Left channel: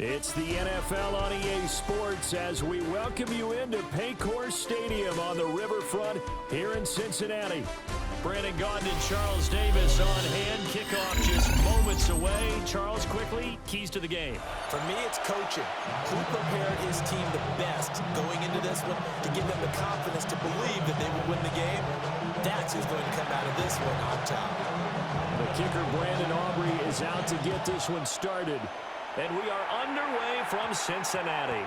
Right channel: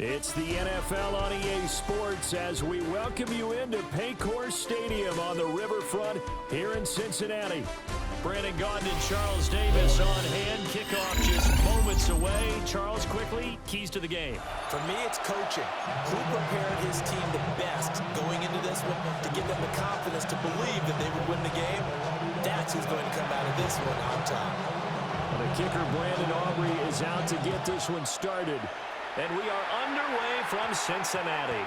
It's the NFL on EA Sports as we welcome you into Paycor Stadium on the riverfront here in Cincinnati. Brandon Gaudin and Charles Davis on hand. Kickoff just moments away. Charles, quickly, keys to the game. For me, it's coaching. Who prepared his team the best going into this one to give them the confidence to believe that they would win the game? That's who's going to come out of this one on top. The kicker, Brandon Aubrey, is out to get this one started. And we are underway from Cincinnati.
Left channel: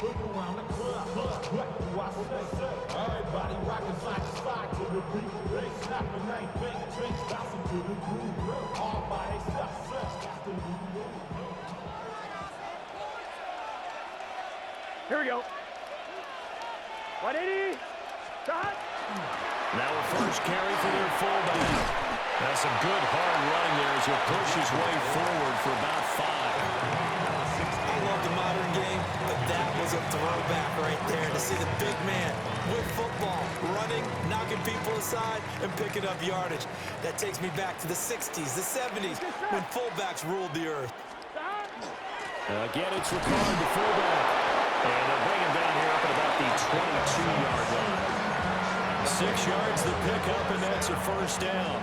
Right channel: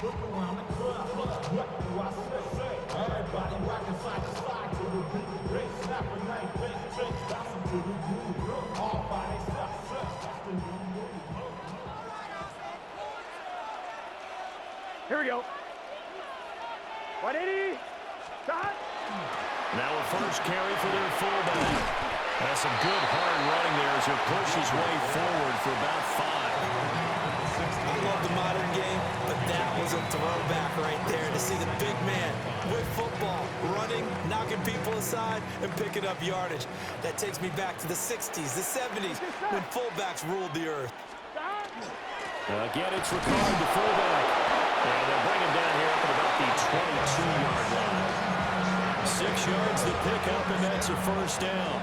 Look around the club, what do I say? Everybody rocking side to side to the beat. Snapping ain't fake, bouncing to the groove. All by themselves, that's the new move. Here we go. 180. Shot. Now a first carry for their fullback. That's a good hard running there as he'll push his way forward for about 5. I love the modern game, but that was a throwback right there to see the big man with football, running, knocking people aside, and picking up yardage. That takes me back to the 60s, the 70s, when fullbacks ruled the earth. Again, it's Ricard, the fullback. And they'll bring him down here up at about the 22-yard line. 6 yards the pickup, and that's a first down.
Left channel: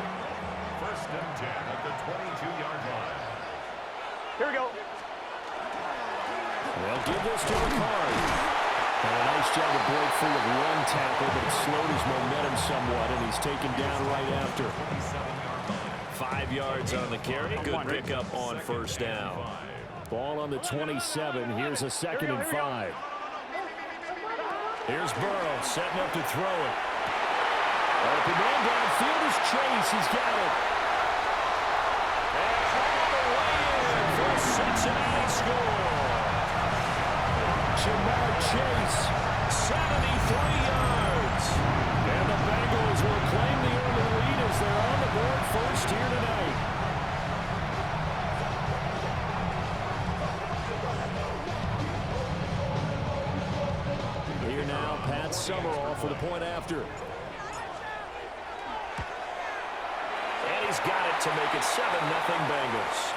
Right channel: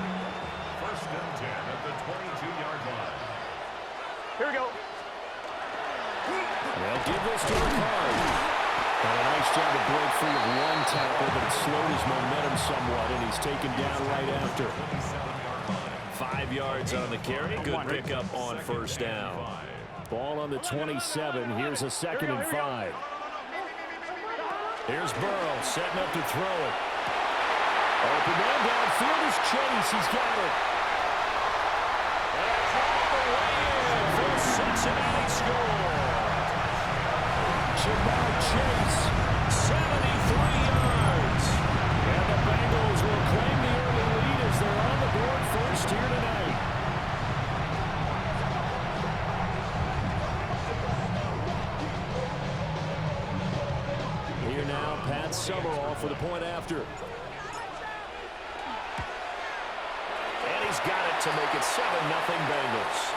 First and 10 at the 22-yard line. Here we go. They'll give this to Ricard. And a nice job to break free of one tackle, but it slowed his momentum somewhat, and he's taken down right after. 5 yards on the carry. Good pickup on first down. Ball on the 27. Here's a 2nd and 5. Here's Burrow setting up to throw it. Open man downfield is Chase. He's got it. And all the way in for Cincinnati score. Jamarr Chase, 73 yards. And the Bengals will claim the early lead as they're on the board first here tonight. Here now, Pat Summerall for the point after. And he's got it to make it 7-0 Bengals.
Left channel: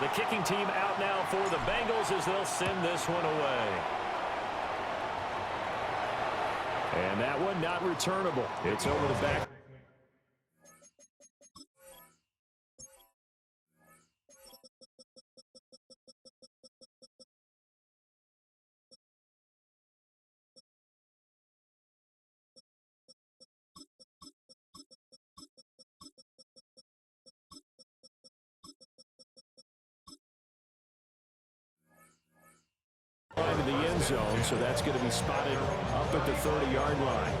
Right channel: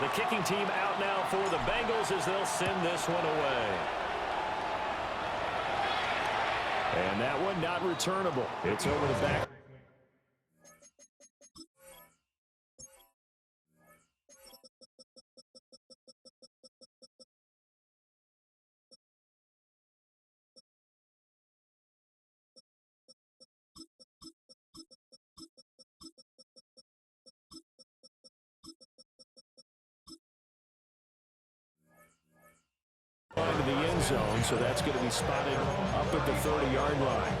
The kicking team out now for the Bengals as they'll send this one away. And that one not returnable. It's over the back. Into the end zone, so that's going to be spotted up at the 30-yard line.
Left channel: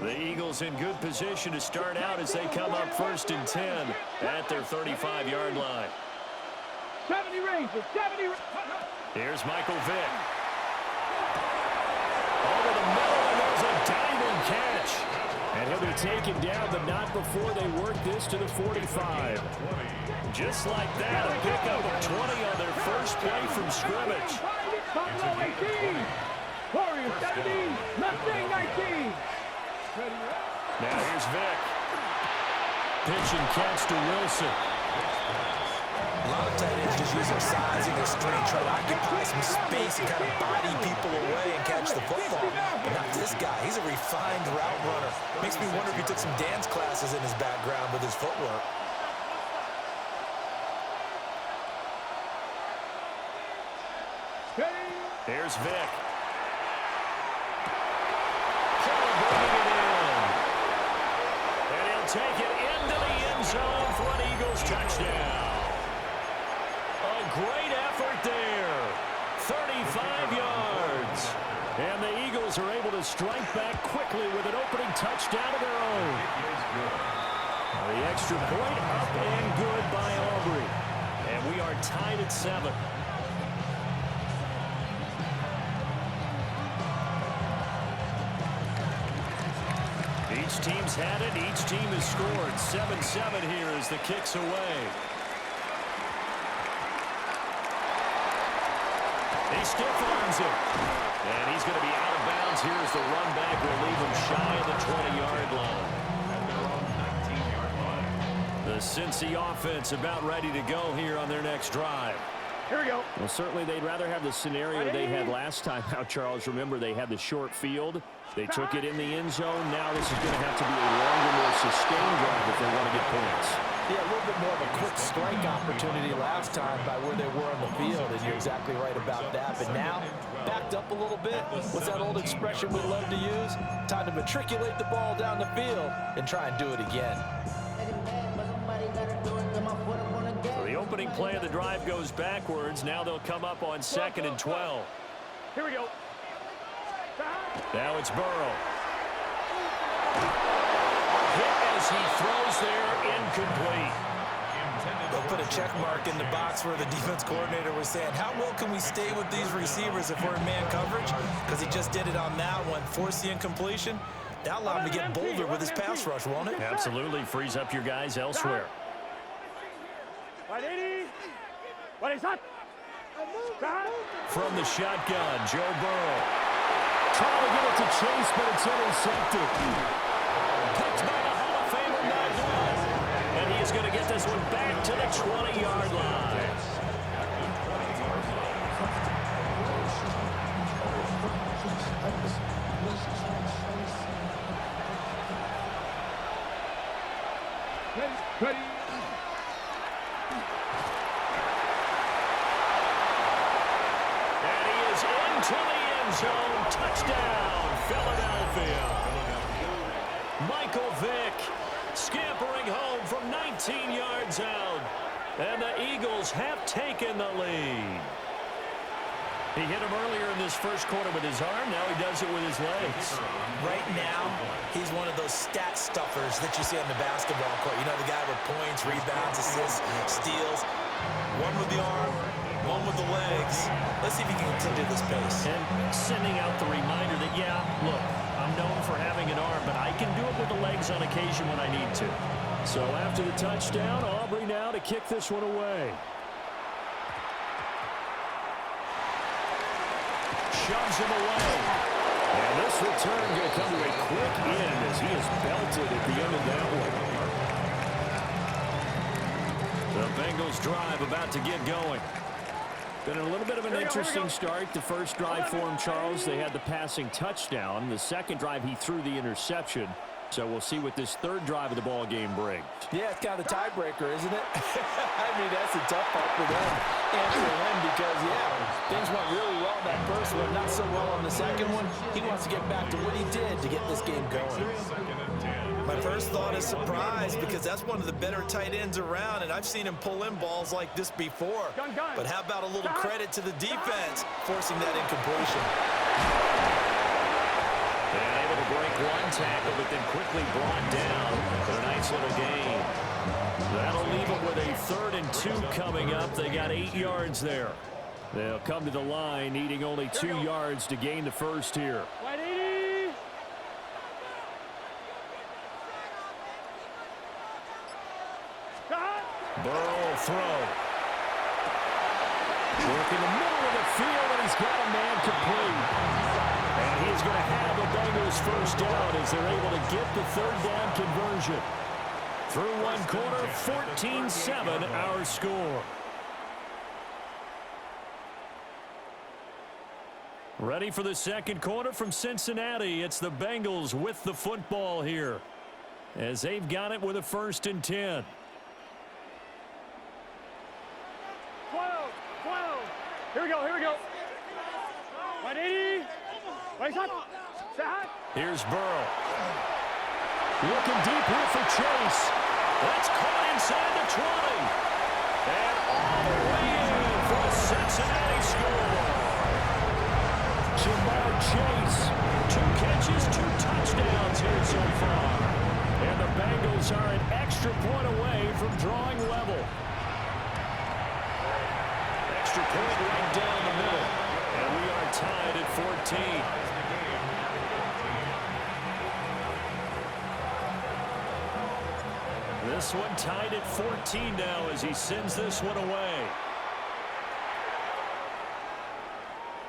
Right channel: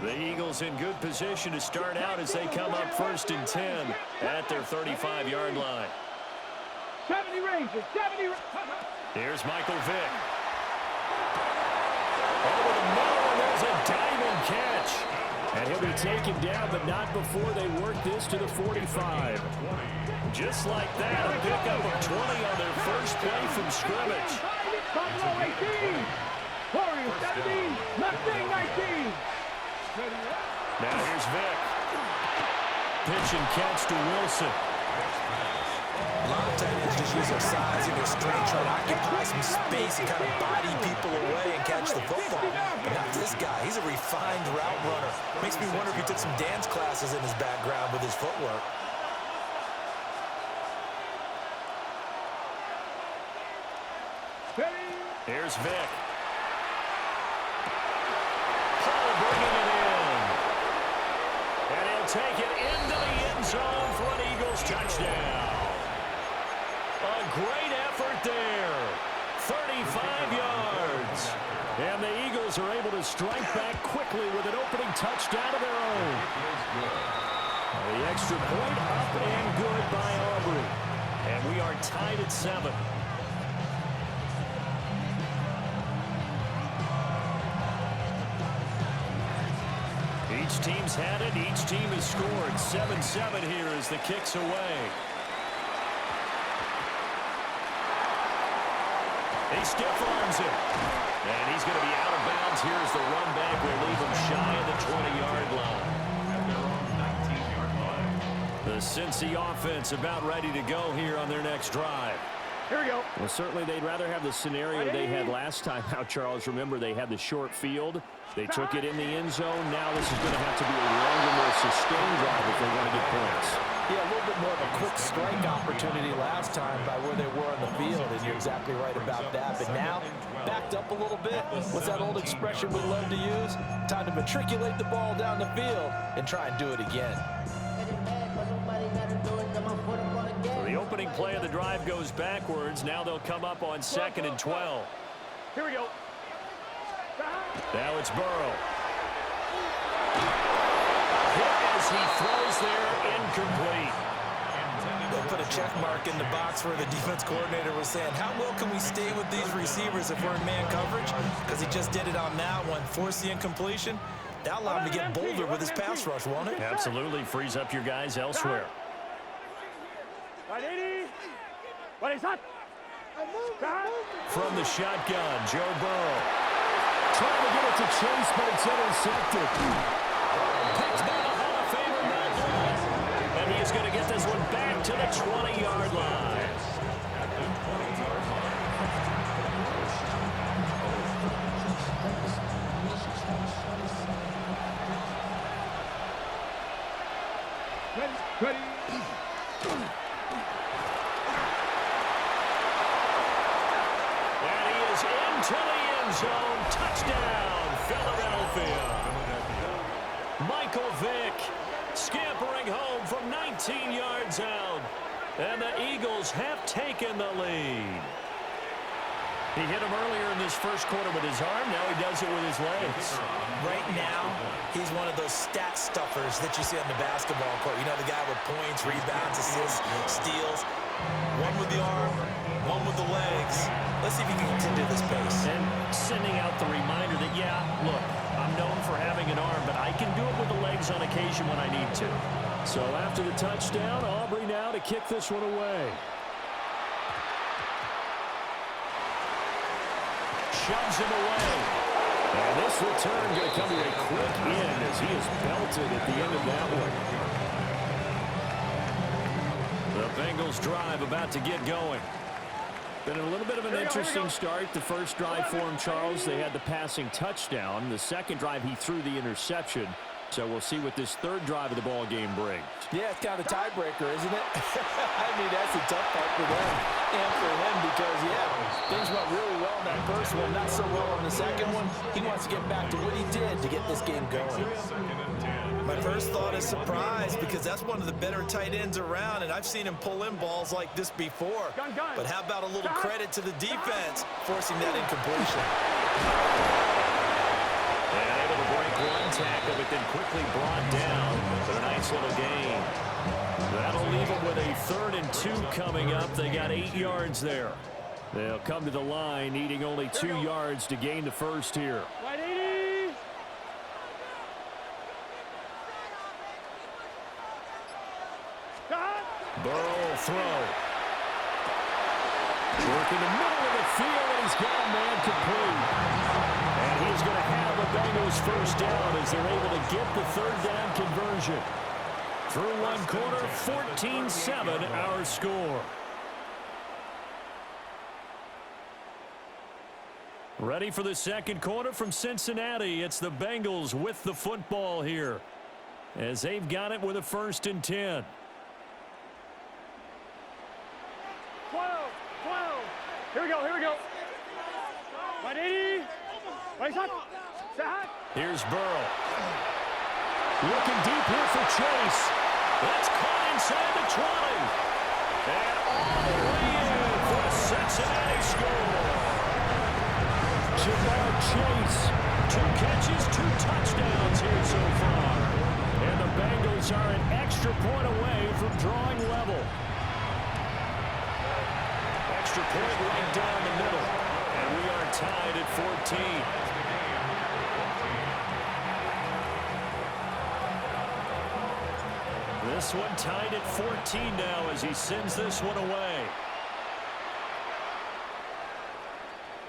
The Eagles in good position to start out as they come up 1st and 10 at their 35-yard line. 70 Rangers, 70. Here's Michael Vick. Over the middle, and there's a diving catch. And he'll be taken down, but not before they work this to the 45. Just like that, a pickup of 20 on their first play from scrimmage. Buffalo 18. Warriors 17. Mustang 19. Now here's Vick. Pitch and catch to Wilson. A lot of tight ends just use their size and their strength, try to occupy some space and kind of body people away and catch the football. But not this guy. He's a refined route runner. Makes me wonder if he took some dance classes in his background with his footwork. Here's Vick. Paul bringing it in. And he'll take it into the end zone for an Eagles touchdown. A great effort there. 35 yards. And the Eagles are able to strike back quickly with an opening touchdown of their own. The extra point up and good by Aubrey. And we are tied at 7. Each team's had it. Each team has scored. 7-7 here as the kick's away. He stiff arms him. And he's going to be out of bounds here as the run back will leave him shy of the 20-yard line. At their own 19-yard line. The Cincy offense about ready to go here on their next drive. Here we go. Well, certainly they'd rather have the scenario they had last time out, Charles. Remember, they had the short field. They took it in the end zone. Now this is going to have to be a longer, more sustained drive if they want to get points. Yeah, a little bit more of a quick strike opportunity last time by where they were on the field, and you're exactly right about that. But now, backed up a little bit. What's that old expression we love to use? Time to matriculate the ball down the field and try and do it again. So the opening play of the drive goes backwards. Now they'll come up on 2nd and 12. Here we go. Now it's Burrow. Hit as he throws there, incomplete. They'll put a check mark in the box where the defense coordinator was saying, how well can we stay with these receivers if we're in man coverage? Because he just did it on that one, forced the incompletion. That'll allow him to get bolder with his pass rush, won't it? Absolutely. Frees up your guys elsewhere. 180. What is that? From the shotgun, Joe Burrow. Trying to get it to Chase, but it's intercepted. Picked by the Hall of Famer, Matt Blood. And he is going to get this one back to the 20-yard line. At the 20-yard line. Ready. And he is into the end zone. Touchdown, Philadelphia. Michael Vick scampering home from 19 yards out. And the Eagles have taken the lead. He hit him earlier in this first quarter with his arm. Now he does it with his legs. Right now, he's one of those stat stuffers that you see on the basketball court. You know, the guy with points, rebounds, assists, steals. One with the arm, one with the legs. Let's see if he can continue this pace. And sending out the reminder that, yeah, look, I'm known for having an arm, but I can do it with the legs on occasion when I need to. So after the touchdown, Aubrey now to kick this one away. Shoves him away. And this return going to come to a quick end as he is belted at the end of that one. The Bengals drive about to get going. Been a little bit of an interesting start. The first drive for him, Charles, they had the passing touchdown. The second drive, he threw the interception. So we'll see what this third drive of the ball game brings. Yeah, it's kind of a tiebreaker, isn't it? I mean, that's a tough part for them and for him because, yeah, things went really well in that first one, not so well on the second one. He wants to get back to what he did to get this game going. My first thought is surprise because that's one of the better tight ends around, and I've seen him pull in balls like this before. But how about a little credit to the defense forcing that incompletion? And able to break one tackle, but then quickly brought down. But a nice little gain. That'll leave them with a 3rd and 2 coming up. They got 8 yards there. They'll come to the line, needing only 2 yards to gain the first here. 180. Burrow will throw. Working the middle of the field, and he's got a man complete. And he's going to have a Bengals first down as they're able to get the 3rd down conversion. Through one quarter, 14-7 our score. Ready for the second quarter from Cincinnati. It's the Bengals with the football here as they've got it with a 1st and 10. 12. Here we go. 180. Wait, Here's Burrow. Looking deep here for Chase. That's caught inside the 20. And all the way in for a Cincinnati score. Jamarr Chase, 2 catches, 2 touchdowns here so far. And the Bengals are an extra point away from drawing level. Extra point right down the middle. And we are tied at 14. This one tied at 14 now as he sends this one away.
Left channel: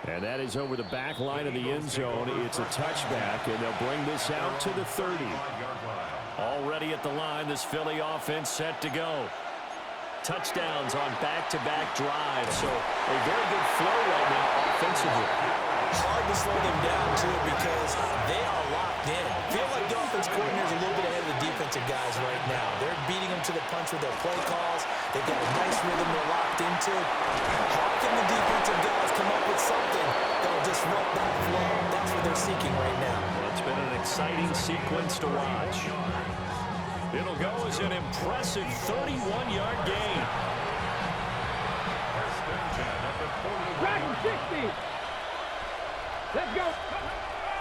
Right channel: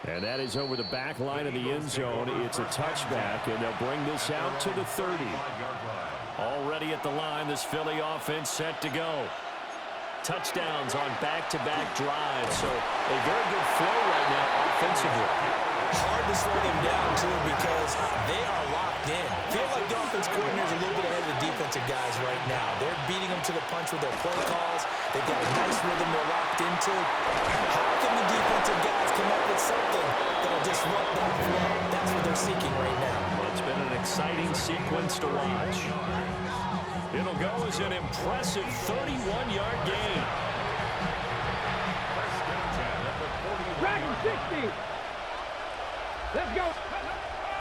And that is over the back line of the end zone. It's a touchback, and they'll bring this out to the 30. Already at the line, this Philly offense set to go. Touchdowns on back-to-back drives, so a very good flow right now offensively. Hard to slow them down, too, because they are locked in. Feel like the offense coordinator is a little bit ahead of the defensive guys right now. They're beating them to the punch with their play calls. They've got a nice rhythm they're locked into. How can the defensive guys come up with something that will disrupt that flow? That's what they're seeking right now. Well, it's been an exciting sequence to watch. It'll go as an impressive 31-yard gain. First and 10 at the 41. Dragon 60. Let's go.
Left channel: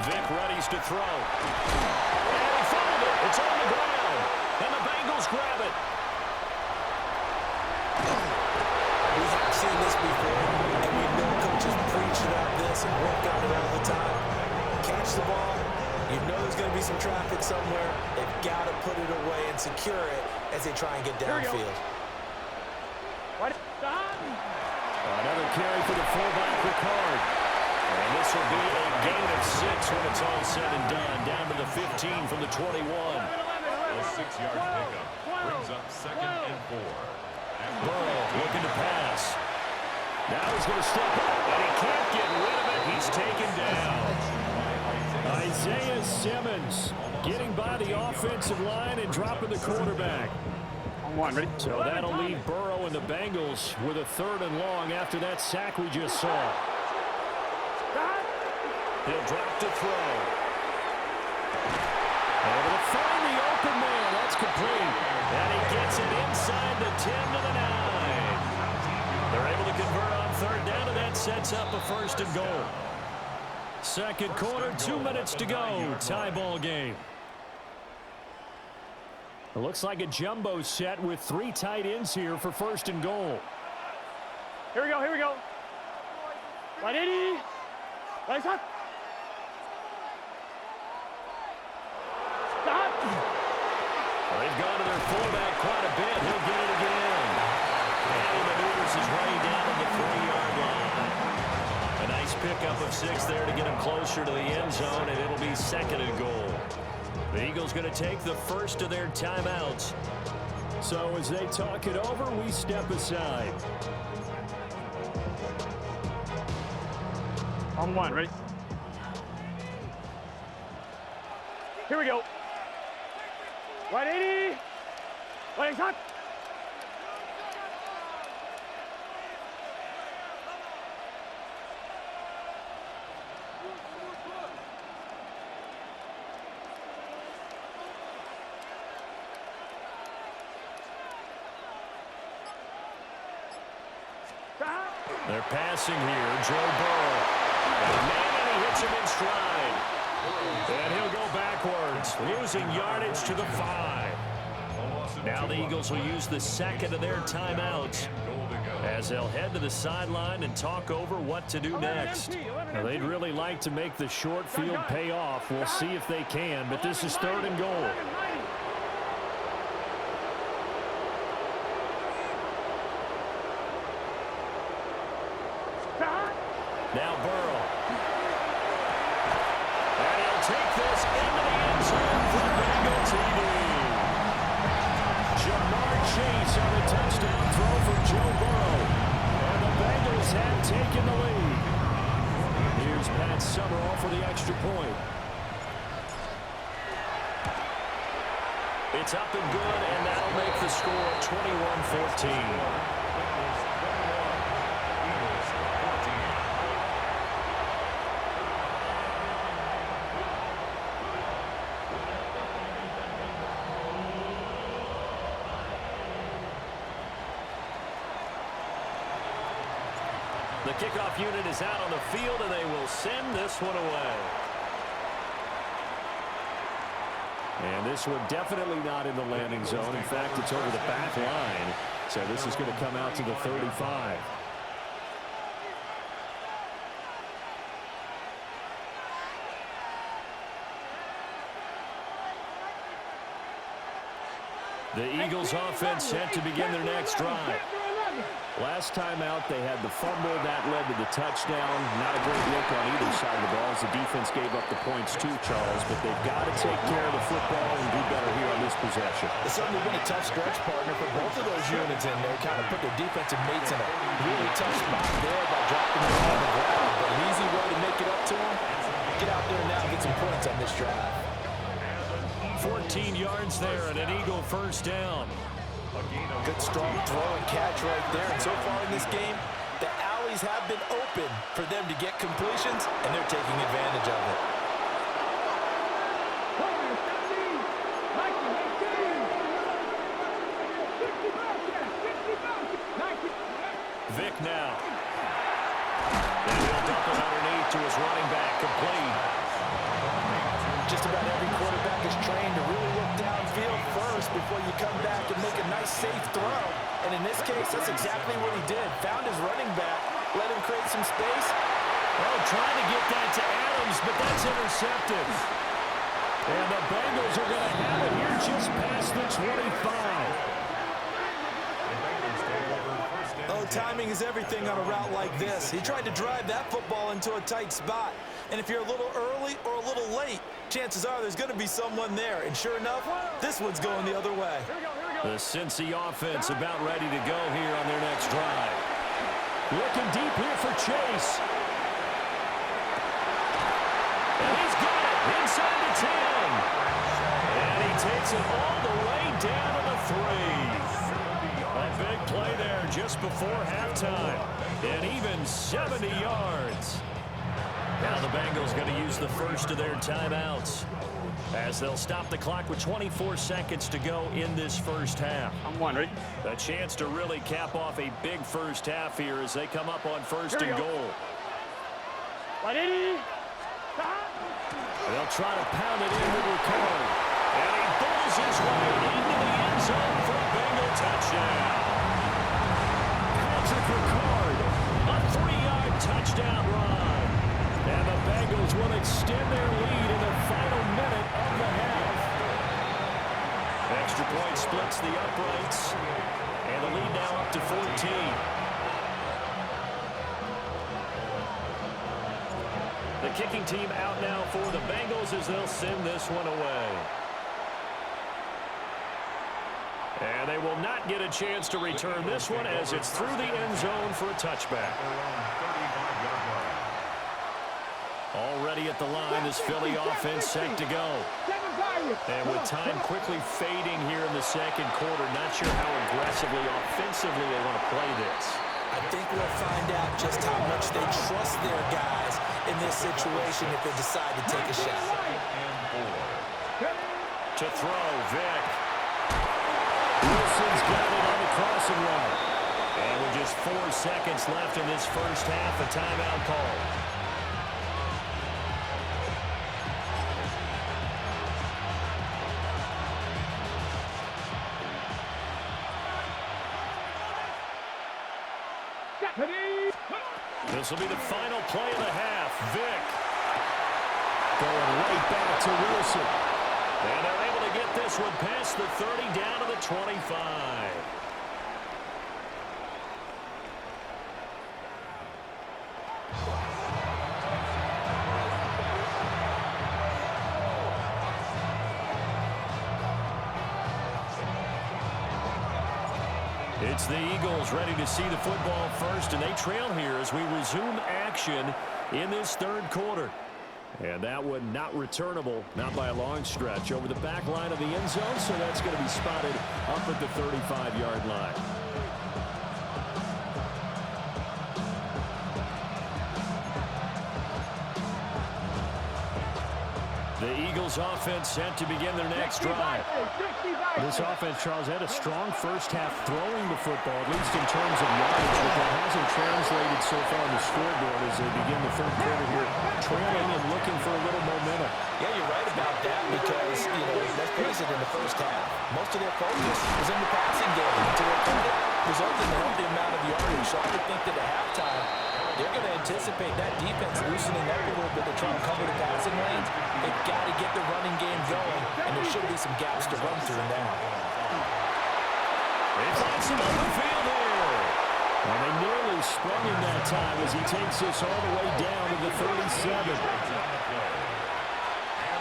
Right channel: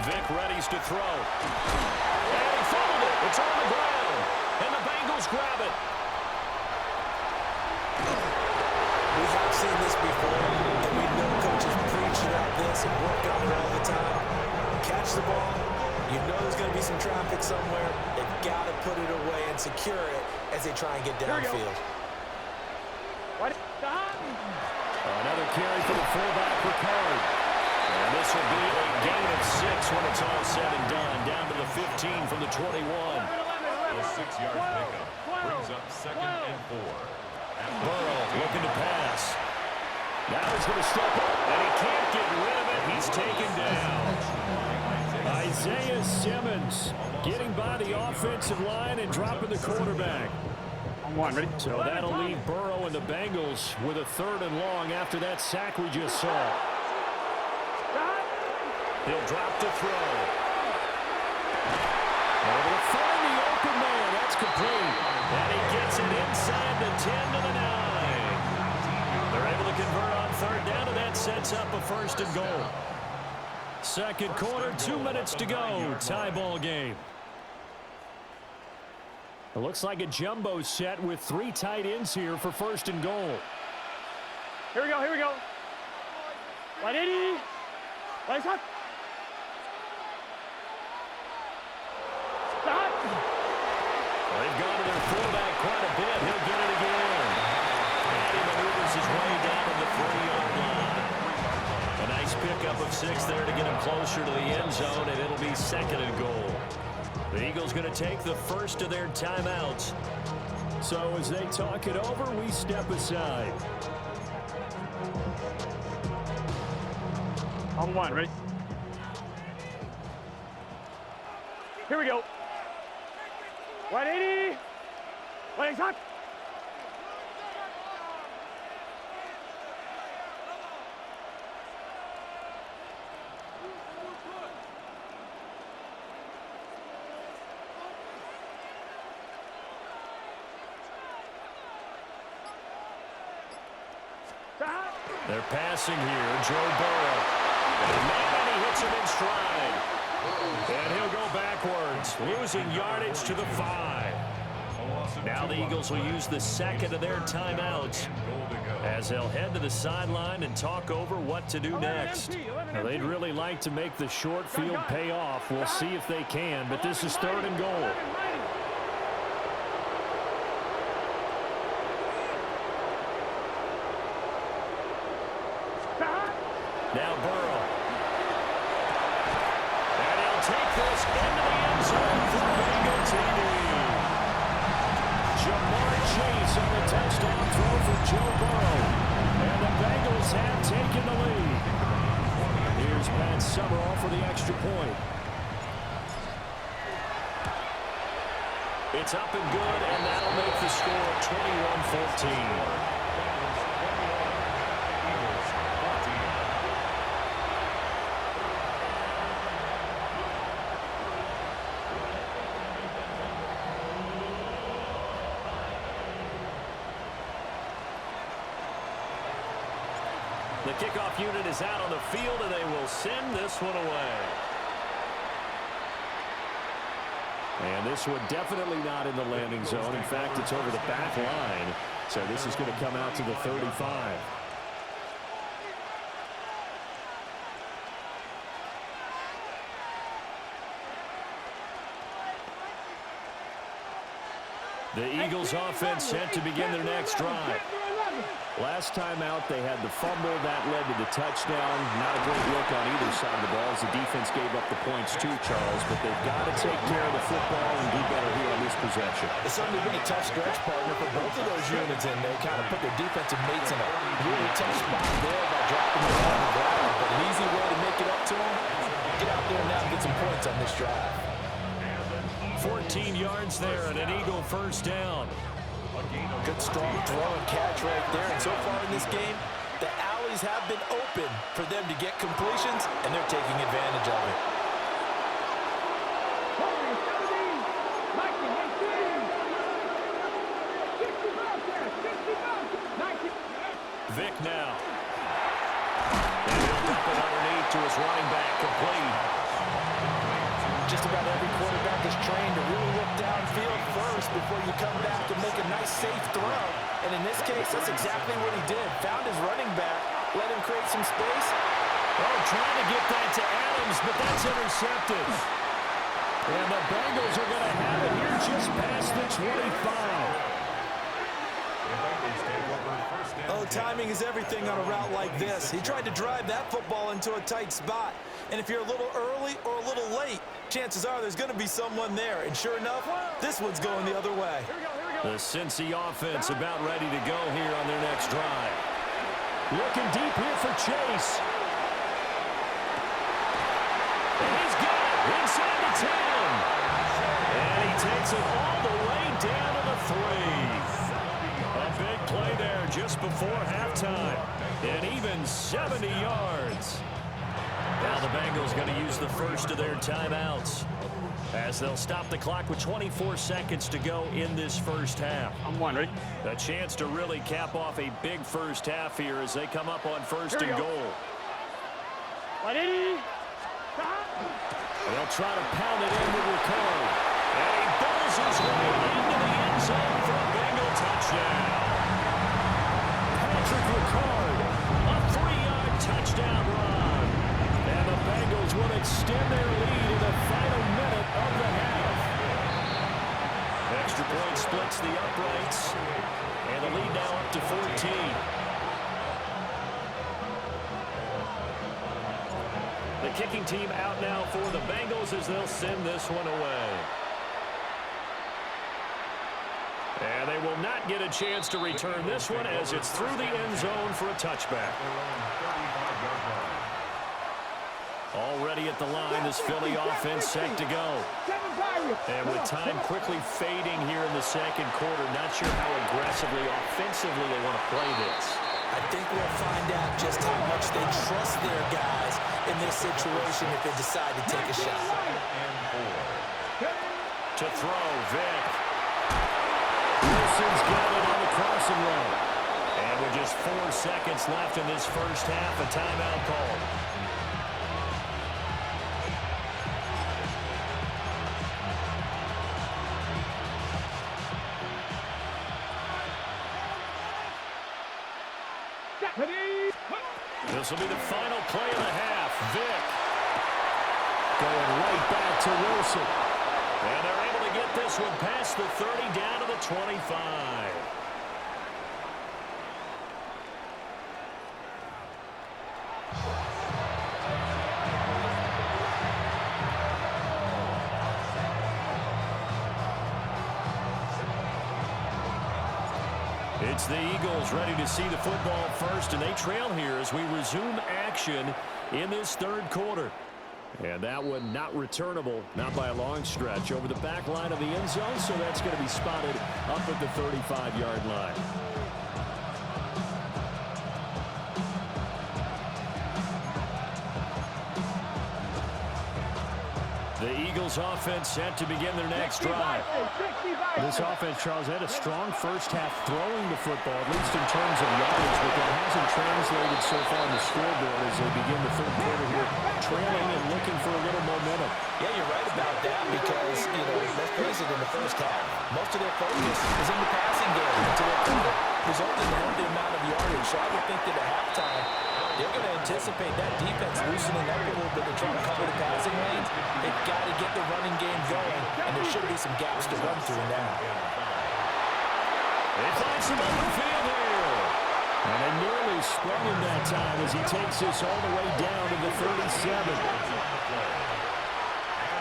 Vic readies to throw. And he fumbled it. It's on the ground. And the Bengals grab it. We have seen this before, and we know coaches preach about this and work on it all the time. Catch the ball. You know there's going to be some traffic somewhere. They've got to put it away and secure it as they try and get downfield. Another carry for the fullback, Ricard. And this will be a gain of 6 when it's all said and done. Down to the 15 from the 21. A 6-yard pickup brings up 2nd and 4. Burrow looking to pass. Now he's going to step up, and he can't get rid of it. He's taken down. Isaiah Simmons getting by the offensive line and dropping the quarterback. On one, ready? So that'll leave Burrow and the Bengals with a 3rd and long after that sack we just saw. He'll drop to throw. Able to find the open man. That's complete. And he gets it inside the 10 to the 9. They're able to convert on 3rd down, and that sets up a 1st and goal. Second quarter, 2 minutes to go. Tie ball game. It looks like a jumbo set with 3 tight ends here for 1st and goal. Here we go, here we go. Right, Eddie. Right, stop. Stop. Well, they've gone to their fullback quite a bit. He'll get it again. And he maneuvers his way down to the 3-yard line. A nice pickup of 6 there to get him closer to the end zone, and it'll be 2nd and goal. The Eagles going to take the first of their timeouts. So as they talk it over, we step aside. On one, ready? Here we go. Right, 80. Right, stop. They're passing here. Joe Burrow. And he hits him in stride. And he'll go backwards, losing yardage to the 5. Now the Eagles will use the 2nd of their timeouts as they'll head to the sideline and talk over what to do next. Now, they'd really like to make the short field pay off. We'll see if they can, but this is 3rd and goal. Now Burrow. And he'll take this into the end zone for Bengal TD. Jamarr Chase on the touchdown throw for Joe Burrow. And the Bengals have taken the lead. Here's Pat Summerall for the extra point. It's up and good, and that'll make the score 21-14. The kickoff unit is out on the field, and they will send this one away. And this one definitely not in the landing zone. In fact, it's over the back line. So this is going to come out to the 35. The Eagles offense set to begin their next drive. Last time out, they had the fumble. That led to the touchdown. Not a great look on either side of the ball as the defense gave up the points too, Charles. But they've got to take care of the football and do better here on this possession. It's certainly been a tough stretch, partner, for both of those units in there. Kind of put their defensive mates in a really tough spot there by dropping them on the ground. But an easy way to make it up to them, get out there now and get some points on this drive. 14 yards there and an Eagle first down. Good strong throw and catch right there. And so far in this game, the alleys have been open for them to get completions, and they're taking advantage of it. Vic now. And he'll dump it underneath to his running back, complete. Just about every quarterback is trained to really look downfield first before you come back and make a nice, safe throw. And in this case, that's exactly what he did. Found his running back, let him create some space. Oh, trying to get that to Adams, but that's intercepted. And the Bengals are going to have it here just past the 25. Oh, timing is everything on a route like this. He tried to drive that football into a tight spot. And if you're a little early or a little late, chances are there's going to be someone there. And sure enough, this one's going the other way. The Cincy offense about ready to go here on their next drive. Looking deep here for Chase. And he's got it inside the 10. And he takes it all the way down to the 3. A big play there just before halftime. And even 70 yards. Now the Bengals going to use the first of their timeouts as they'll stop the clock with 24 seconds to go in this first half. I'm one, ready? A chance to really cap off a big first half here as they come up on first and goal. They'll try to pound it in with Ricard. And he bowls his way into the end zone for a Bengal touchdown. Patrick Ricard, a 3-yard touchdown run. And the Bengals will extend their lead in the final minute of the half. Extra point splits the uprights. And the lead now up to 14. The kicking team out now for the Bengals as they'll send this one away. And they will not get a chance to return this one as it's through the end zone for a touchback. Already at the line, this Philly offense set to go. And with time quickly fading here in the second quarter, not sure how aggressively, offensively they want to play this. I think we'll find out just how much they trust their guys in this situation if they decide to take a shot. To throw, Vic. Wilson's got it on the crossing route. And with just 4 seconds left in this first half, a timeout called. This will be the final play of the half. Vic going right back to Wilson. And they're able to get this one past the 30 down to the 25. It's the Eagles ready to see the football first, and they trail here as we resume action in this third quarter. And that one not returnable, not by a long stretch, over the back line of the end zone, so that's going to be spotted up at the 35-yard line. The Eagles Eagles offense set to begin their next drive. This offense, Charles, had a strong first half throwing the football, at least in terms of yardage, but that hasn't translated so far on the scoreboard as they begin the third quarter here, trailing and looking for a little momentum. Yeah, you're right about that because, let's face it, in the first half, most of their focus was in the passing game. And to their credit, resulted in a healthy amount of yardage. So I would think that at halftime, they're going to anticipate that defense loosening up a little bit to try and cover the passing lanes. They've got to get the running game going, and there should be some gaps to run through now. They find some open field here. And they nearly sprung him that time as he takes this all the way down to the 37. And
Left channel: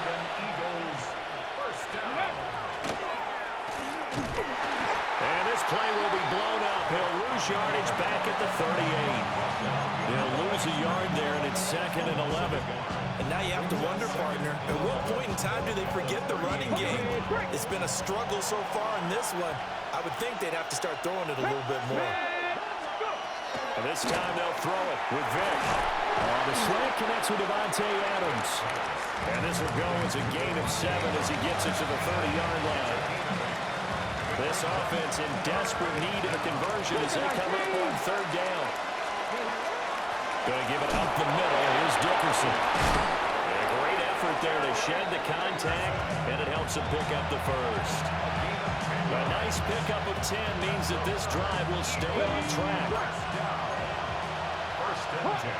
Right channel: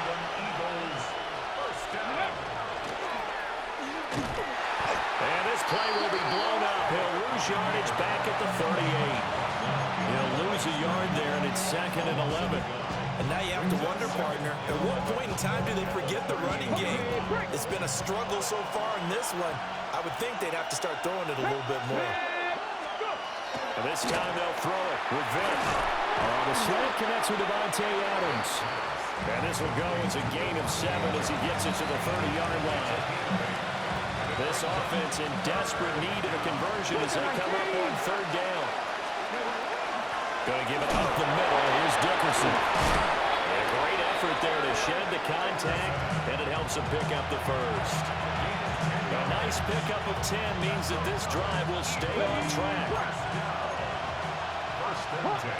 an Eagles first down. And this play will be blown up. He'll lose yardage back at the 38. He'll lose a yard there, and it's 2nd and 11. And now you have to wonder, partner, at what point in time do they forget the running game? It's been a struggle so far in this one. I would think they'd have to start throwing it a little bit more. And this time they'll throw it with Vick. The slant connects with Devontae Adams. And this will go as a gain of 7 as he gets it to the 30-yard line. This offense in desperate need of a conversion as they come up on 3rd down. Going to give it up the middle. Here's Dickerson. A great effort there to shed the contact, and it helps him pick up the first. A nice pickup of 10 means that this drive will stay on track. First and 10.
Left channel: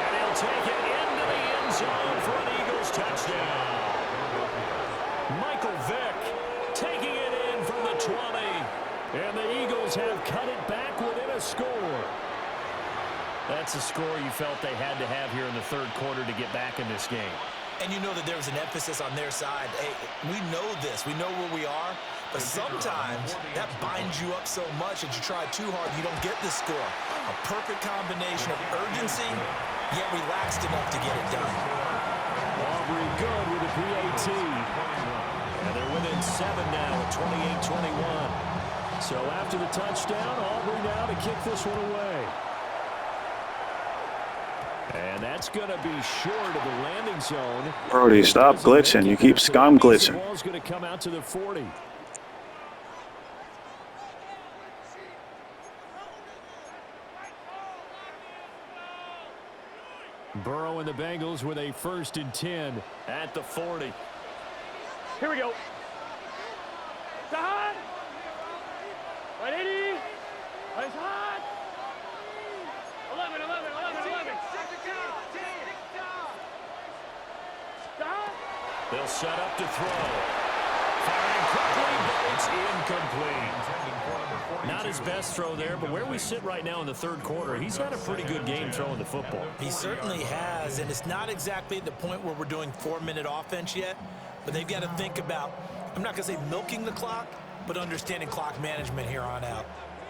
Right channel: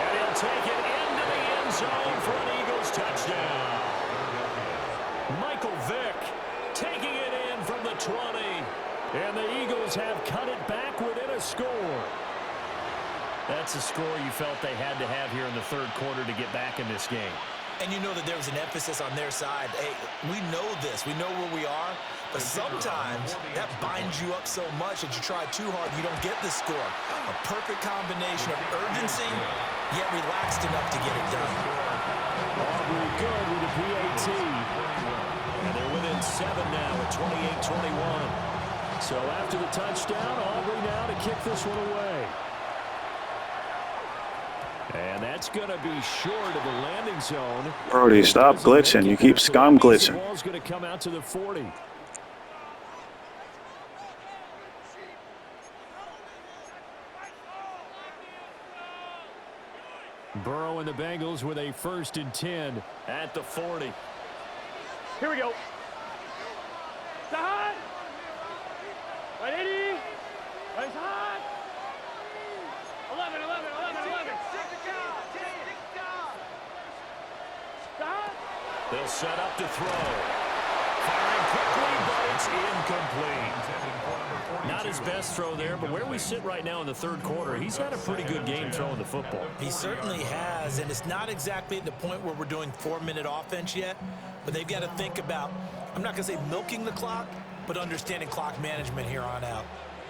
And he'll take it into the end zone for an Eagles touchdown. Michael Vick taking it in from the 20. And the Eagles have cut it back within a score. That's a score you felt they had to have here in the third quarter to get back in this game. And you know that there was an emphasis on their side. Hey, we know this. We know where we are. But sometimes that binds you up so much that you try too hard, you don't get the score. A perfect combination of urgency, yet relaxed enough to get it done. Aubrey good with a PAT. And they're within 7 now at 28-21. So after the touchdown, Aubrey now to kick this one away. And that's going to be short of the landing zone. Brody, stop glitching. You keep scum glitching. The ball's going to come out to the 40. Burrow and the Bengals with a 1st and 10 at the 40. Here we go. Side. 180. Right side. 11. Stop. They'll set up to throw. Firing quickly, but it's incomplete. Not his best throw there, but where we sit right now in the third quarter, he's had a pretty good game throwing the football. He certainly has, and it's not exactly at the point where we're doing 4-minute offense yet, but they've got to think about, I'm not going to say milking the clock, but understanding clock management here on out.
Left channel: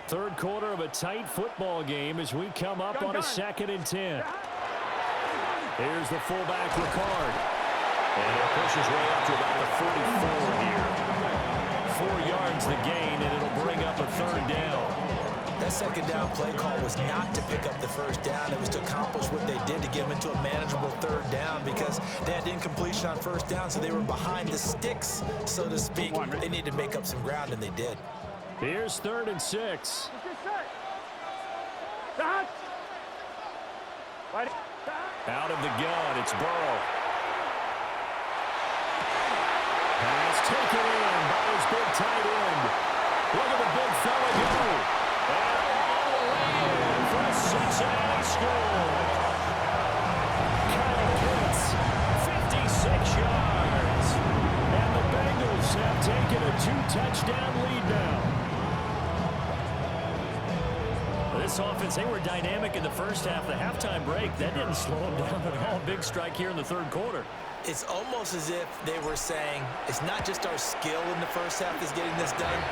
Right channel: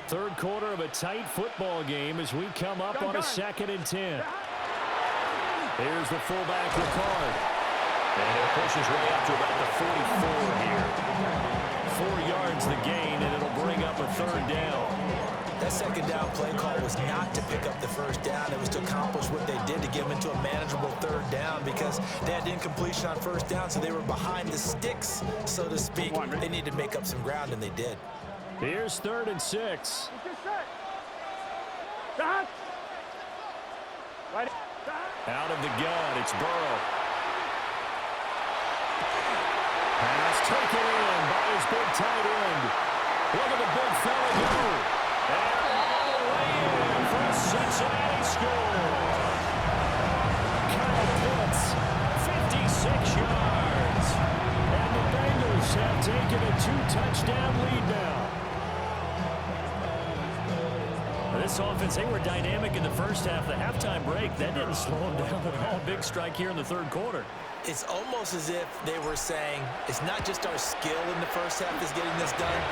Third quarter of a tight football game as we come up on a 2nd and 10. Here's the fullback, Ricard. And it pushes way up to about the 44 here. 4 yards the gain, and it'll bring up a 3rd down. That 2nd down play call was not to pick up the 1st down. It was to accomplish what they did to get them into a manageable 3rd down because they had incompletion on 1st down, so they were behind the sticks, so to speak. They needed to make up some ground, and they did. Here's 3rd and 6. Out of the gun, it's Burrow. Pass taken in by his big tight end. Look at the big fella go. And all the way in for a Cincinnati score. Kyle Pitts, 56 yards. And the Bengals have taken a 2-touchdown lead now. This offense, they were dynamic in the first half. The halftime break, that didn't slow them down at all. Big strike here in the third quarter. It's almost as if they were saying, it's not just our skill in the first half that's getting this done,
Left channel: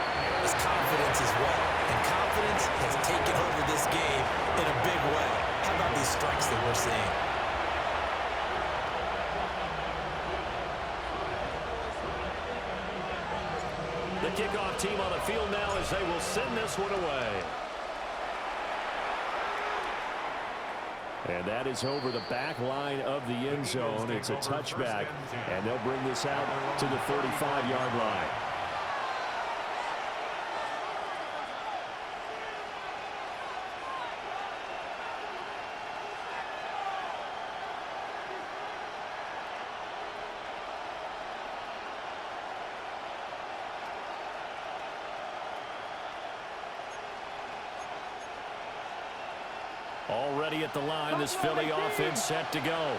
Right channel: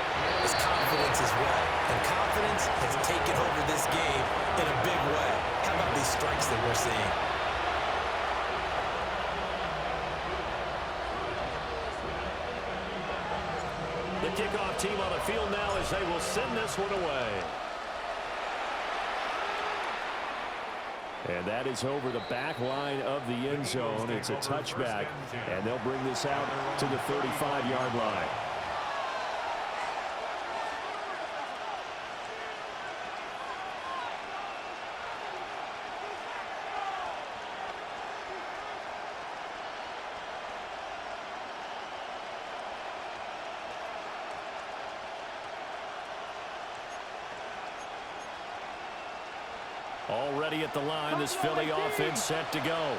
it's confidence as well. And confidence has taken over this game in a big way. How about these strikes that we're seeing? The kickoff team on the field now as they will send this one away. And that is over the back line of the end zone. It's a touchback, and they'll bring this out to the 35-yard line. Already at the line, this Philly offense set to go.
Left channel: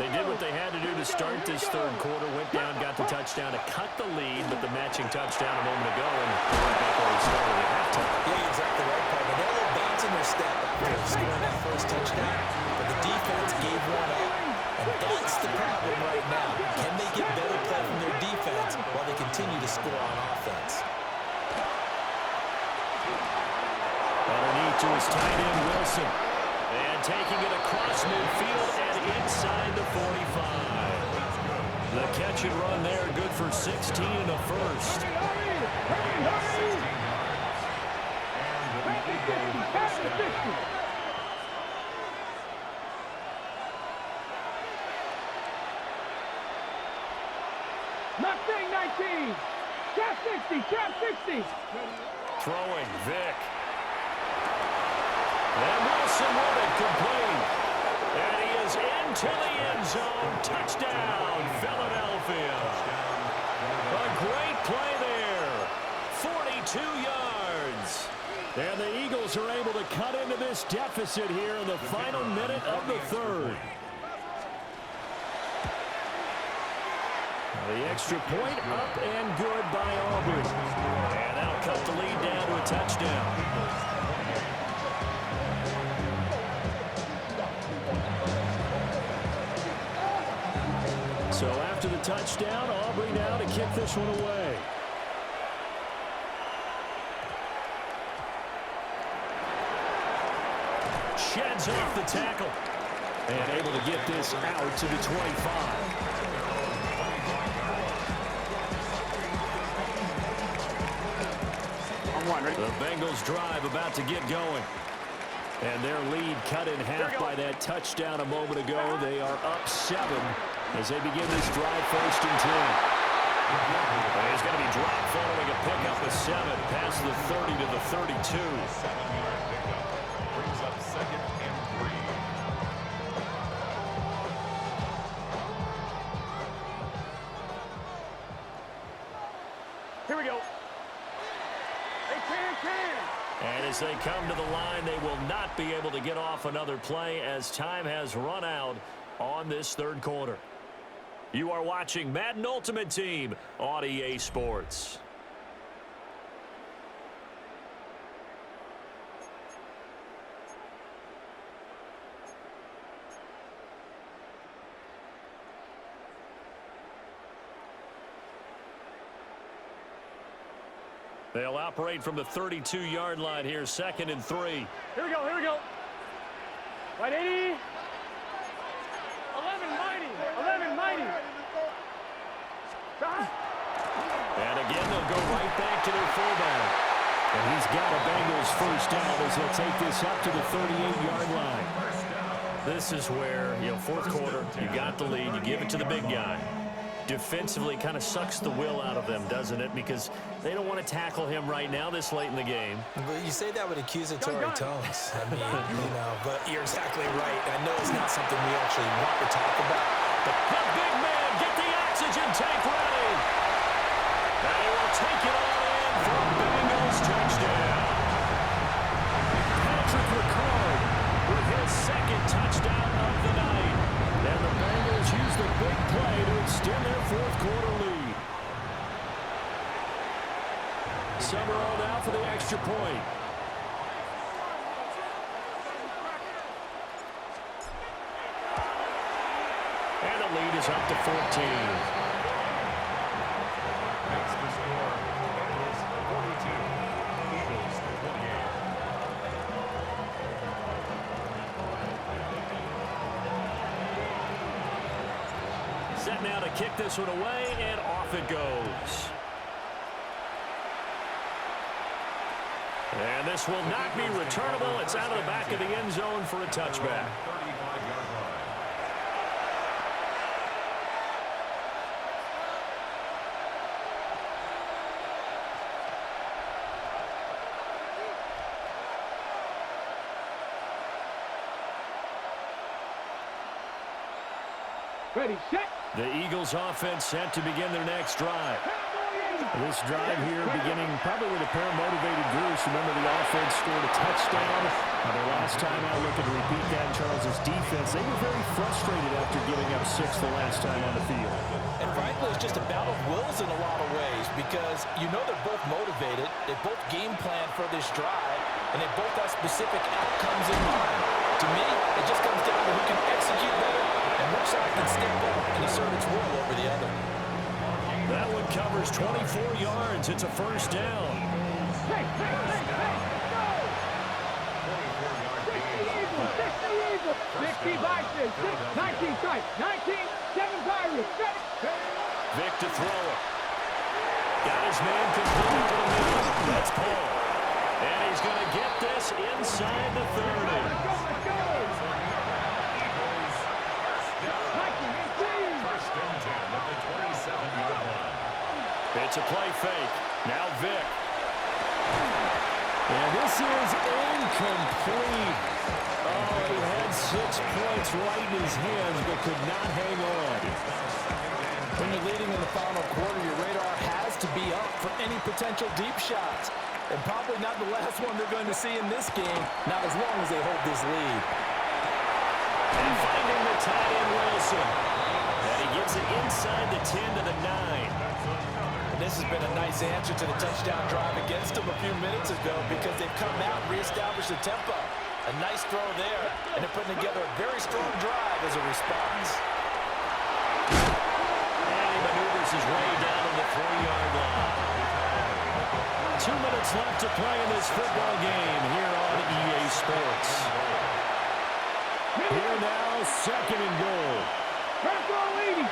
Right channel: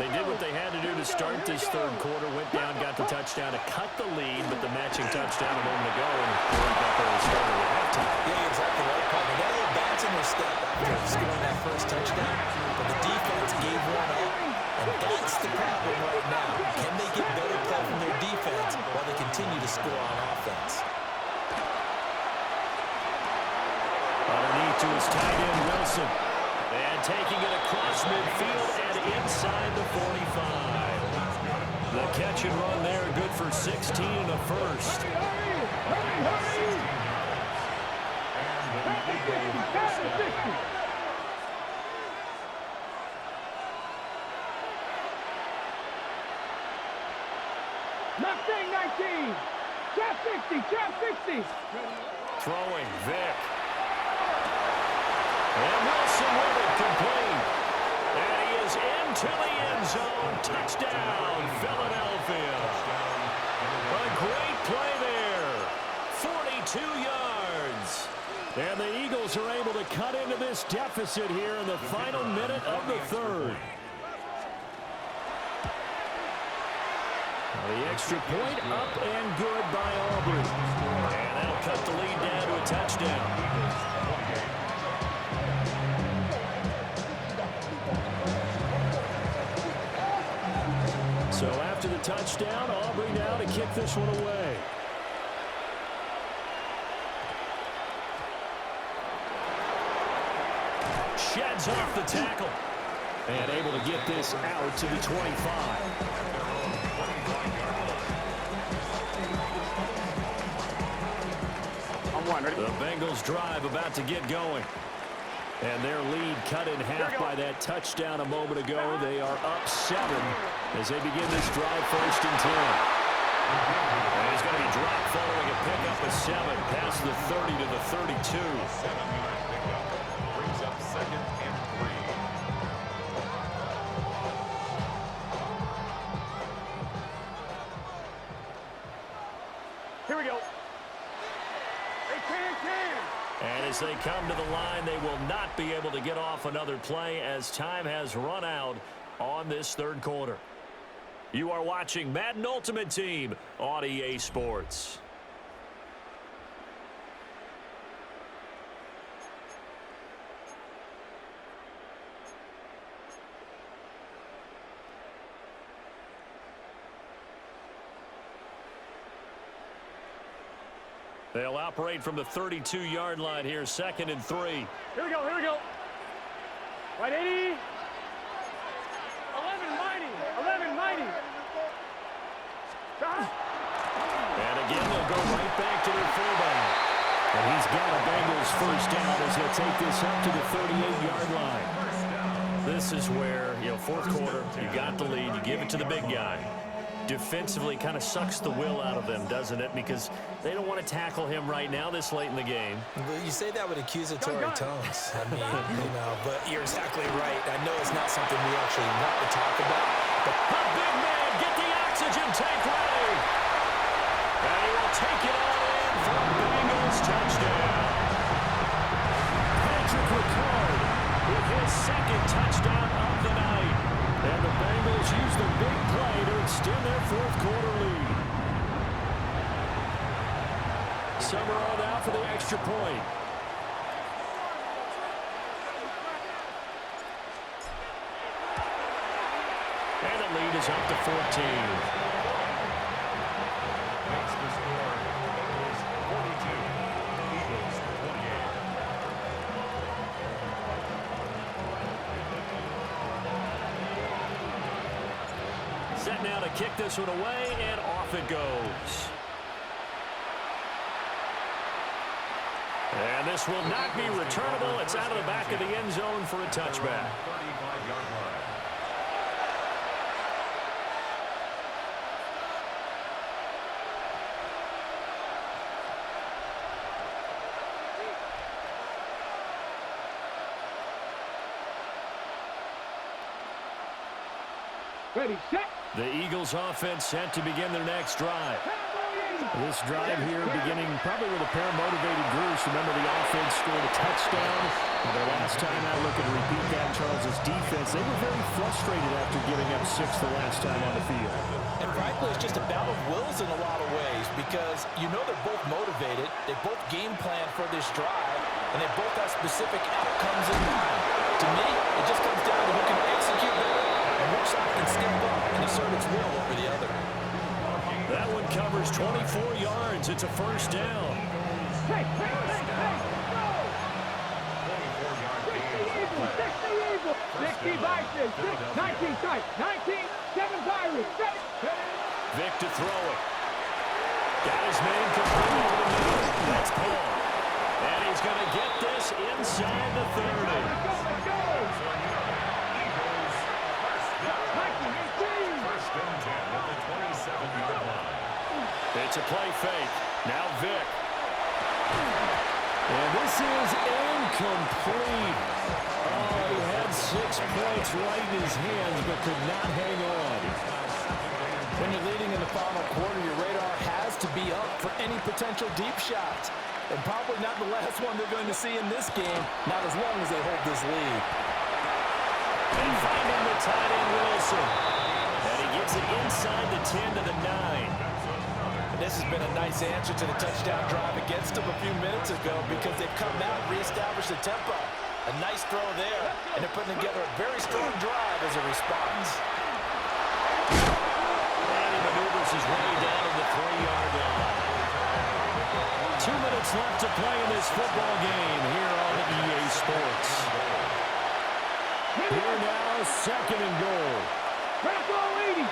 They did what they had to do to start this third quarter, went down, got the touchdown to cut the lead, but the matching touchdown a moment ago, and we're right back where we started at halftime. Yeah, you're exactly right, Paul. They got a little bounce in their step after scoring that first touchdown, but the defense gave one up, and that's the problem right now. Can they get better play from their defense while they continue to score on offense? Underneath to his tight end, Wilson. And taking it across midfield and inside the 45. The catch and run there, good for 16 and a first. Mustang 19. Trap 60, trap 60. Throwing, Vick. And Wilson with it, complete. And he is into the end zone. Touchdown, Philadelphia. A great play there. 42 yards. And the Eagles are able to cut into this deficit here in the final minute of the third. The extra point up and good by Aubrey. And that'll cut the lead down to a touchdown. So after the touchdown, Aubrey now to kick this one away. Sheds off the tackle. And able to get this out to the 25. The Bengals drive about to get going. And their lead cut in half by that touchdown a moment ago. They are up 7 as they begin this drive, 1st and 10. And he's going to be dropped following a pickup of 7 past the 30 to the 32. 7-yard pickup brings up 2nd and 3. Here we go. They can. And as they come to the line, they will not be able to get off another play as time has run out on this third quarter. You are watching Madden Ultimate Team on EA Sports. They'll operate from the 32-yard line here, 2nd and 3. Here we go. Right 80. 11 mighty. And again, they'll go right back to their fullback. And he's got a Bengals first down as he'll take this up to the 38-yard line. This is where, fourth quarter, you got the lead, you give it to the big guy. Defensively kind of sucks the will out of them, doesn't it? Because they don't want to tackle him right now this late in the game. But you say that with accusatory tones. I mean, but you're exactly right. I know it's not something we actually want to talk about. But the big man, get the oxygen tank ready. And he will take it on in for a Bengals touchdown. Patrick Ricard with his 2nd touchdown of the night. And the Bengals use the big play to extend their 4th quarter lead. Summerall now for the extra point. And the lead is up to 14. Makes the score Bengals 42, Eagles 28. Set now to kick this one away, and off it goes. And this will not be returnable. It's out of the back of the end zone for a touchback. 35-yard line. Ready, set. The Eagles offense set to begin their next drive. This drive here beginning probably with a pair of motivated groups. Remember, the offense scored a touchdown. Their last time out, looking to repeat that in Charles' defense. They were very frustrated after giving up 6 the last time on the field. And frankly, it's just a battle of wills in a lot of ways because you know they're both motivated. They both game plan for this drive, and they both have specific outcomes in mind. To me, it just comes down to who can execute better and which side can step up and assert its will over the other. That one covers 24 yards. It's a first down. Hey, go! 24-yard 60 gain. Eagles, 60 Eagles. 60 Vikings, 19 strike, 19, 7 Pirates. Vic to throw it. Got his man completed to the middle. That's Paul. And he's going to get this inside the 30. Let's go! Eagles, first down. 19, 18. First and 10 at the 27-yard line. It's a play fake. Now Vic. And this is incomplete. Oh, he had 6 points right in his hands, but could not hang on. When you're leading in the final quarter, your radar has to be up for any potential deep shots. And probably not the last one they're going to see in this game, not as long as they hold this lead. And finding the tight end, Wilson. And he gives it inside the 10 to the 9. And this has been a nice answer to the touchdown drive against them a few minutes ago because they've come out and reestablished the tempo. A nice throw there, and they're putting together a very strong drive as a response. And he maneuvers his way down to the 3-yard line. 2 minutes left to play in this football game here on EA Sports. Here now, 2nd and goal. Crack all 80.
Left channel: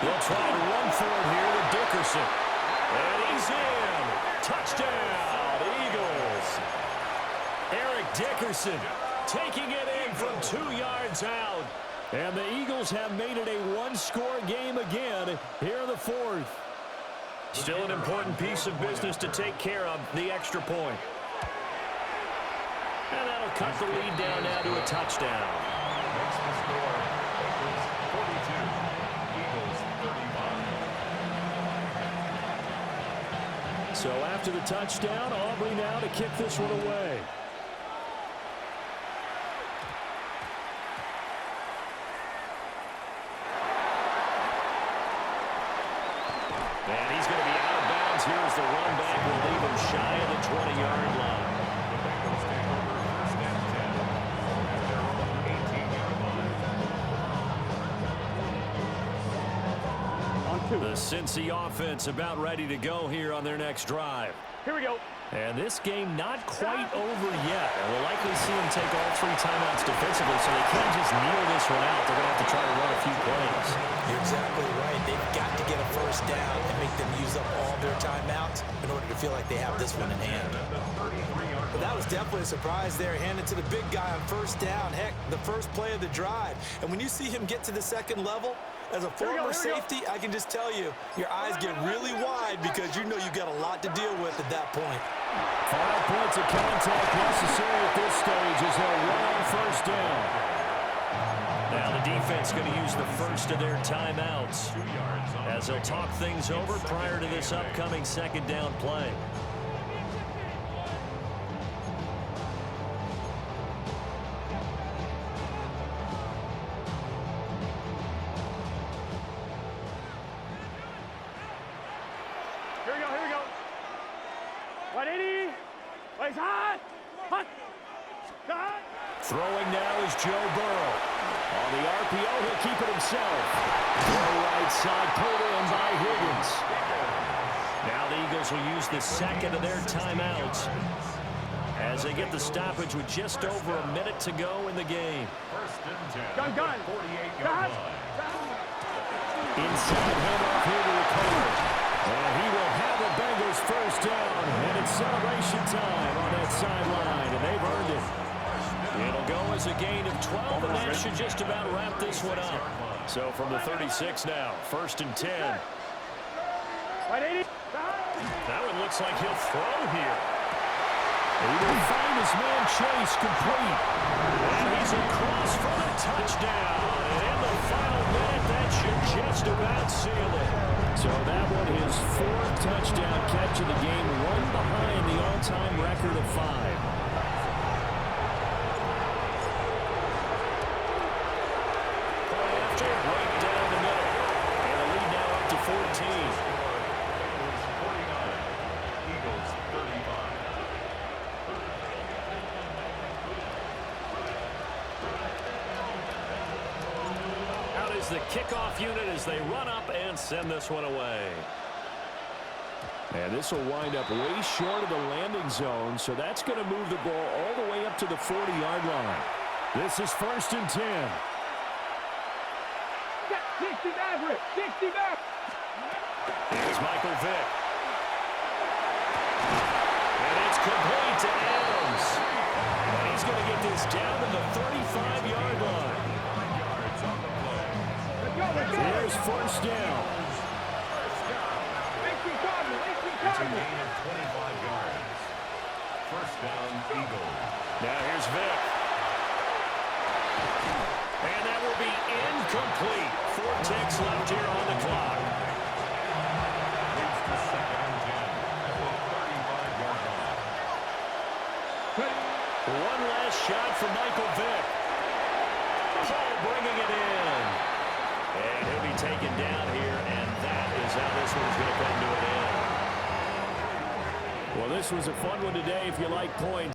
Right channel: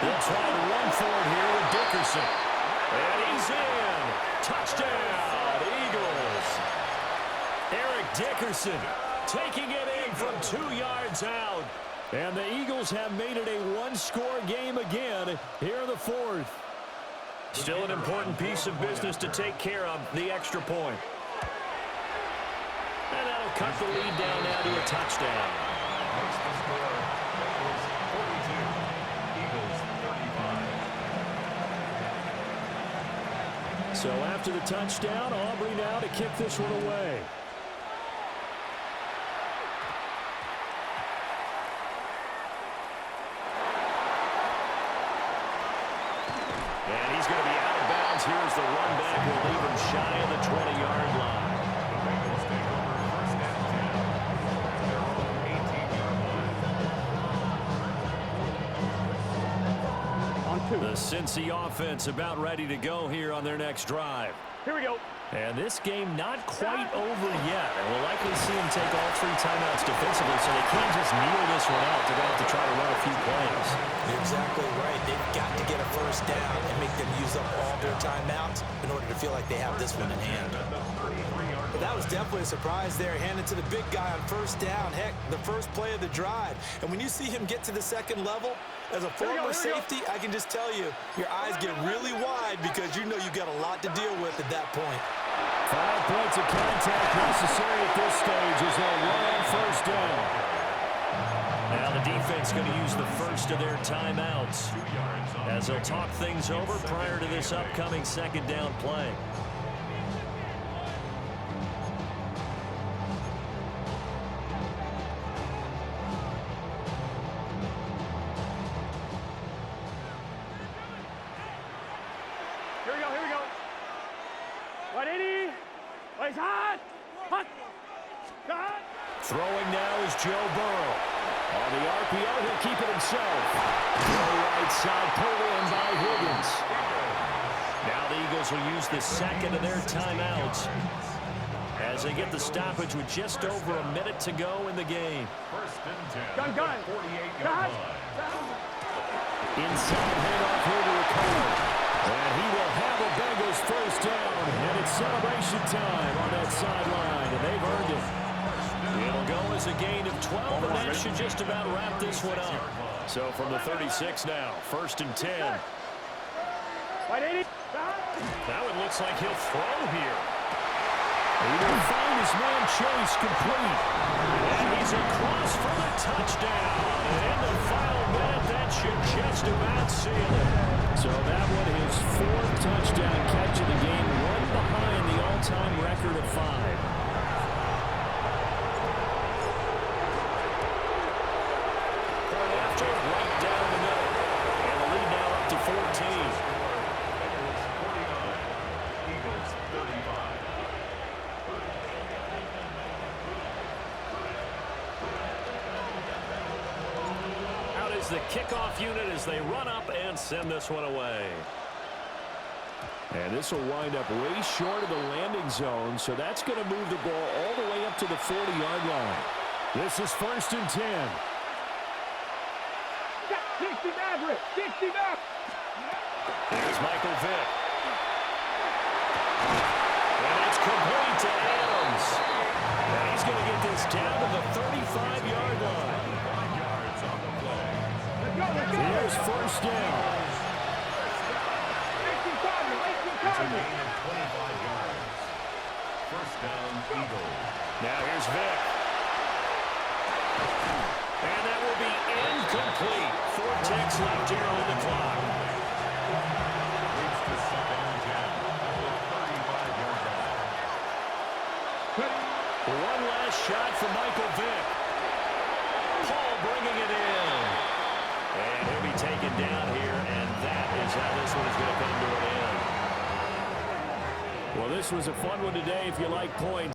They'll try to run for it here with Dickerson. And he's in. Touchdown, Eagles. Eric Dickerson taking it in from 2 yards out. And the Eagles have made it a 1-score game again here in the 4th. Still an important piece of business to take care of, the extra point. And that'll cut the lead down now to a touchdown. Makes the score Bengals 42, Eagles 35. So after the touchdown, Aubrey now to kick this one away. And he's going to be out of bounds. Here's the run back. Will leave him shy of the 20-yard line. The Bengals take over first and 10 at their own 18-yard line. On 2. The Cincy offense about ready to go here on their next drive. Here we go. And this game not quite over yet. And we'll likely see them take all 3 timeouts defensively, so they can't just kneel this one out. They're going to have to try to run a few plays. You're exactly right. They've got to get a first down and make them use up all their timeouts in order to feel like they have this one in hand. But that was definitely a surprise there, handed to the big guy on first down. Heck, the first play of the drive. And when you see him get to the second level, as a former safety, I can just tell you, your eyes get really wide because you know you've got a lot to deal with at that point. 5 points of contact necessary at this stage as they'll run on first down. Now the defense going to use the first of their timeouts as they'll talk things over prior to this upcoming 2nd down play. Here we go. 180. Plays hot. Hot. Throwing now is Joe Burrow. On the RPO, he'll keep it himself. Throw right side, pulled in by Higgins. Now the Eagles will use the 2nd of their timeouts as they get the stoppage with just over a minute to go in the game. First and 10 Gun. 48-yard line. Inside handoff here to Ricard. And he will have a Bengals first down, and it's celebration time on that sideline, and they've earned it. It'll go as a gain of 12, and that should just about wrap this one up. So from the 36 now, 1st and 10. That one looks like he'll throw here. He will find his man Chase complete. And he's across for the touchdown. And in the final minute, that should just about seal it. So that one, his 4th touchdown catch of the game, one behind the all-time record of 5. Point after, right down the middle. And the lead now up to 14. Bengals 49, Eagles 35. Out is the kickoff unit as they run up and send this one away. And this will wind up way short of the landing zone, so that's going to move the ball all the way up to the 40-yard line. This is 1st and 10. 60 Maverick, 60 Maverick. Here's Michael Vick. And it's complete to Adams. And he's going to get this down to the 35-yard line. 5 yards on the play. Let's go, let's go. Here's 1st down. 18 Cardinal, 18 It's a Cardinal. gain of 25 yards. 1st down, Eagles. Now here's Vick. And that will be incomplete. 4 ticks left here on the clock. Leads to 2nd and 10 at the 35-yard line. One last shot for Michael Vick. Paul bringing it in. And he'll be taken down here, and that is how this one is going to come to an end. Well, this was a fun one today if you like points.